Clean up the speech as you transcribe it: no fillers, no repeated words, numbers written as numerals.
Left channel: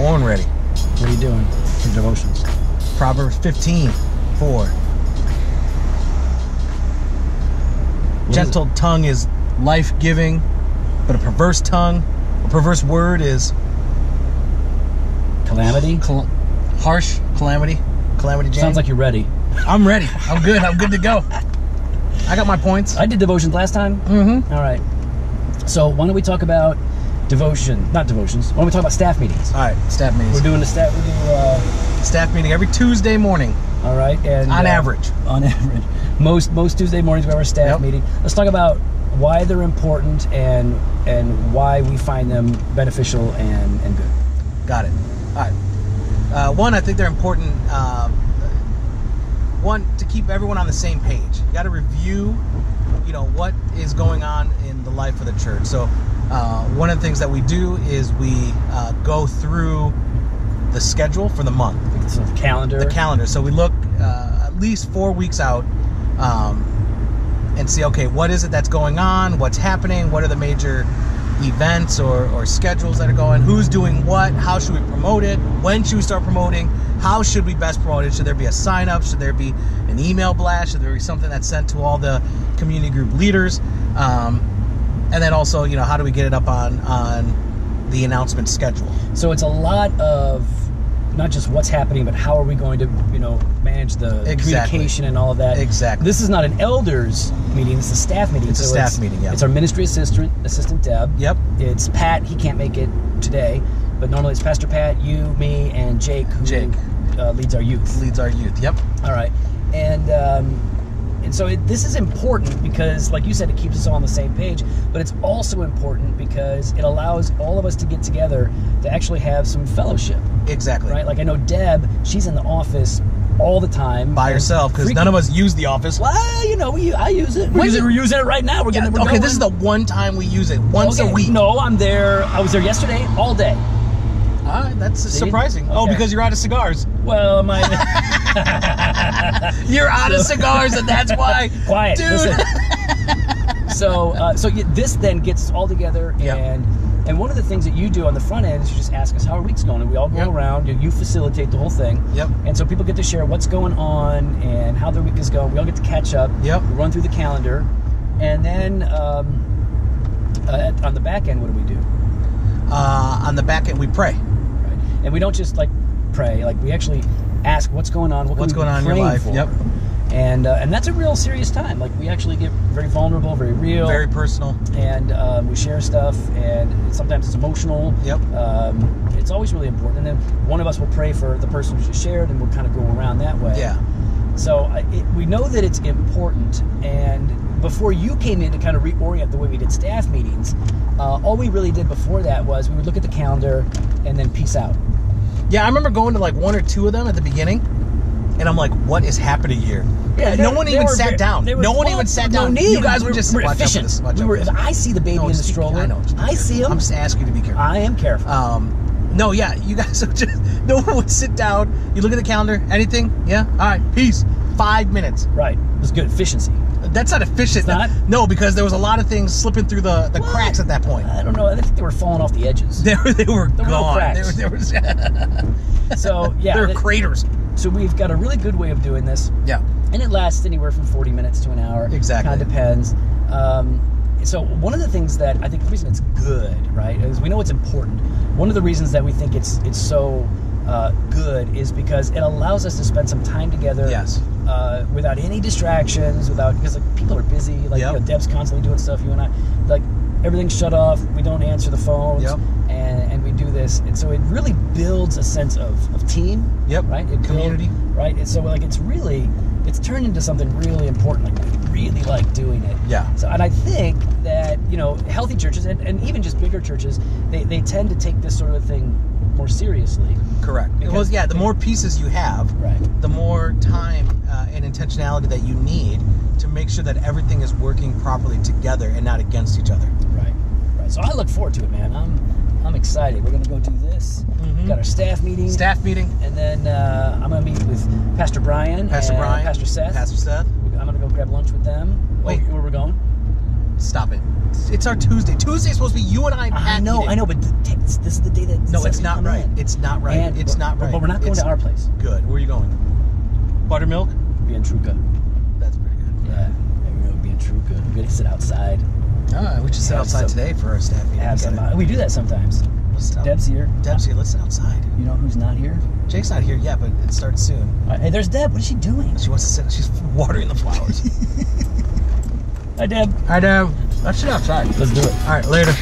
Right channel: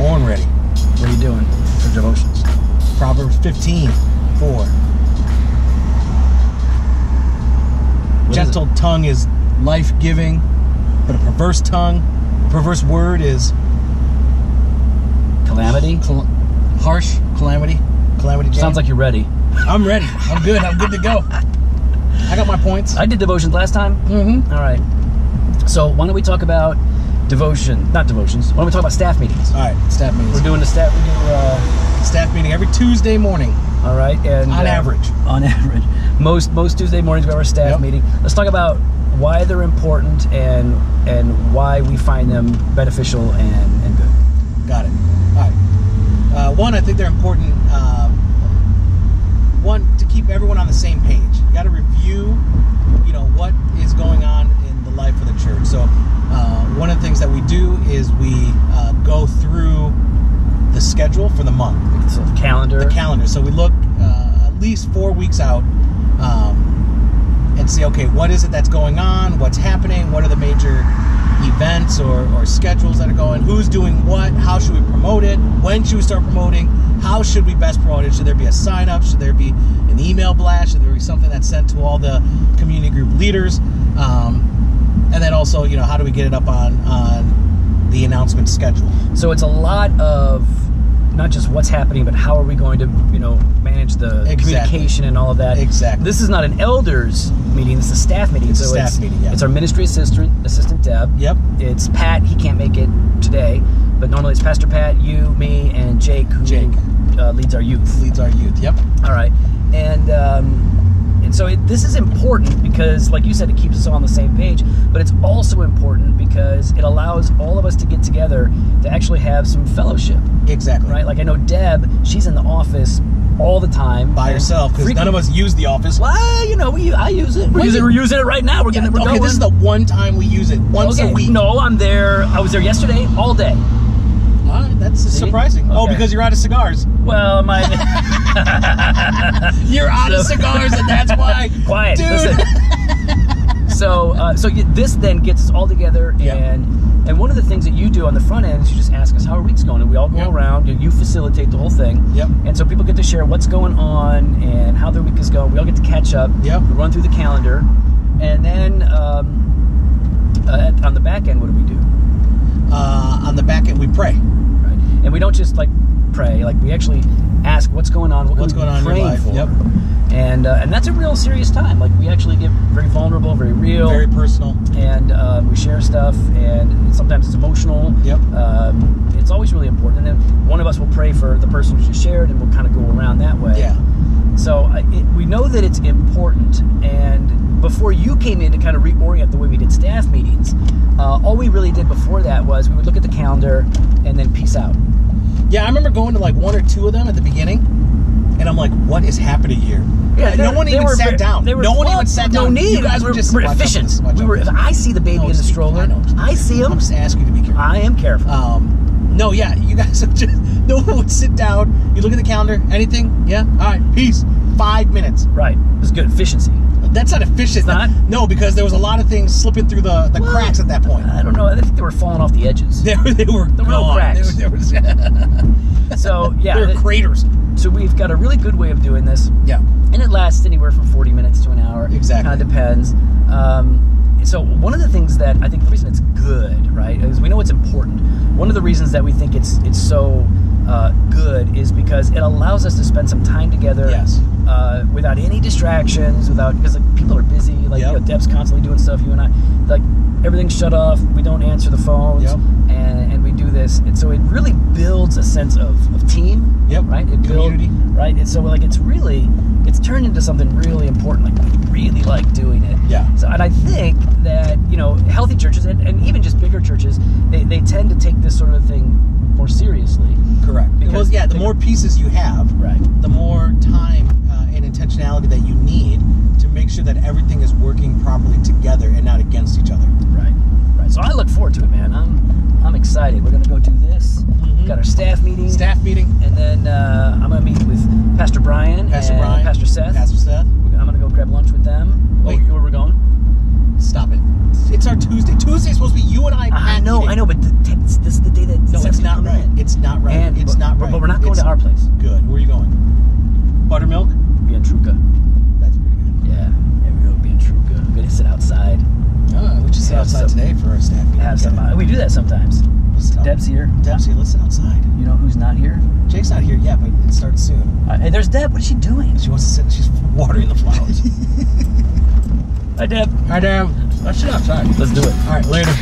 born ready. What are you doing for devotions? Proverbs 15:4. Gentle tongue is life-giving, but a perverse tongue, a perverse word is calamity. Harsh calamity. Calamity. Jane. Sounds like you're ready. I'm ready. I'm good. I'm good to go. I got my points. I did devotions last time. Mm-hmm. All right. So why don't we talk about devotion? Not devotions. Why don't we talk about staff meetings? All right, staff meetings. We're doing the staff. We do staff meeting every Tuesday morning. All right, and on average. On average, most Tuesday mornings we have our staff meeting. Let's talk about why they're important and why we find them beneficial and good. Got it. All right. One, I think they're important. One, to keep everyone on the same page. You got to review, what is going on in the life of the church. So, one of the things that we do is we go through the schedule for the month. So the calendar. The calendar. So we look at least 4 weeks out and see, okay, what is it that's going on? What's happening? What are the major events or schedules that are going? Who's doing what? How should we promote it? When should we start promoting? How should we best promote it? Should there be a sign-up? Should there be an email blast? Should there be something that's sent to all the community group leaders? And then also, how do we get it up on the announcement schedule? So it's a lot of not just what's happening, but how are we going to, manage the communication and all of that. Exactly. This is not an elders meeting. This is a staff meeting. It's a staff meeting, yeah. It's our ministry assistant, Deb. Yep. It's Pat. He can't make it today, but normally it's Pastor Pat, you, me, and Jake, who leads our youth. Yep. All right. And so this is important because, like you said, it keeps us all on the same page, but it's also important because it allows all of us to get together to actually have some fellowship. Exactly. Right? Like I know Deb, she's in the office all the time. By herself, because none of us use the office. Well, I use it. We're using it right now. We're going. This is the one time we use it, once a week. No, I'm there. I was there yesterday, all day. All right, that's surprising. Okay. Oh, because you're out of cigars. Well, you're out of cigars, and that's why. Quiet, dude. Listen. So this then gets us all together, and one of the things that you do on the front end is you just ask us how our week's going, and we all go around. You facilitate the whole thing. Yep. And so people get to share what's going on and how their week is going. We all get to catch up. Yep. We run through the calendar, and then on the back end, what do we do? On the back end, we pray. Right. And we don't just pray. We actually ask what's going on. What's going on in your life? For? Yep. And that's a real serious time. We actually get very vulnerable, very real, very personal, and we share stuff. And sometimes it's emotional. Yep. It's always really important. And then one of us will pray for the person who just shared, and we'll kind of go around that way. Yeah. So we know that it's important. And before you came in to kind of reorient the way we did staff meetings, all we really did before that was we would look at the calendar and then peace out. Yeah, I remember going to one or two of them at the beginning, and I'm like, what is happening here? Yeah, no one even sat down. No one even sat down. No need. You guys were just efficient. If I see the baby in the stroller, I see him. I'm just asking you to be careful. I am careful. No, yeah, you guys would just, no one would sit down. You look at the calendar, anything? Yeah? All right, peace. 5 minutes. Right. It was good efficiency. That's not efficient. It's not? No, because there was a lot of things slipping through the cracks at that point. I don't know. I think they were falling off the edges. They were gone. No cracks. So, yeah. There were craters. So we've got a really good way of doing this. Yeah. And it lasts anywhere from 40 minutes to an hour. Exactly. Kind of depends. So one of the things that I think the reason it's good, right, is we know it's important. One of the reasons that we think it's so good is because it allows us to spend some time together. Yes. Without any distractions, because people are busy. Deb's constantly doing stuff. You and I, everything's shut off. We don't answer the phones. Yep. And we do this, and so it really builds a sense of team. Yep. Right. Community. Right. And so it's turned into something really important. We really like doing it. Yeah. So, and I think that healthy churches and even just bigger churches, they tend to take this sort of thing more seriously. Correct. Because the more pieces you have, right, the more time and intentionality that you need to make sure that everything is working properly together and not against each other. Right. Right. So I look forward to it, man. I'm excited. We're going to go do this. Mm-hmm. We've got our staff meeting. And then I'm going to meet with Pastor Brian and Pastor Seth. I'm going to go grab lunch with them. Wait. Where we're going? Stop it. It's our Tuesday. Tuesday's supposed to be you and I. I know, but this is the day that No, it's not right. It's not right. It's not right. But we're not going to our place. Good. Where are you going? Buttermilk? Bientruca. That's pretty good. Yeah, we go to Bientruca. We're going to sit outside. Oh, we should sit outside today for our staff meeting. Have some. We do that sometimes. Deb's here. Deb's here. Let's sit outside. You know who's not here? Jake's not here yet, but it starts soon. Hey, there's Deb. What is she doing? She wants to sit. She's watering the flowers. Hi, Deb. Hi, Deb. Let's sit outside. Let's do it. All right, later.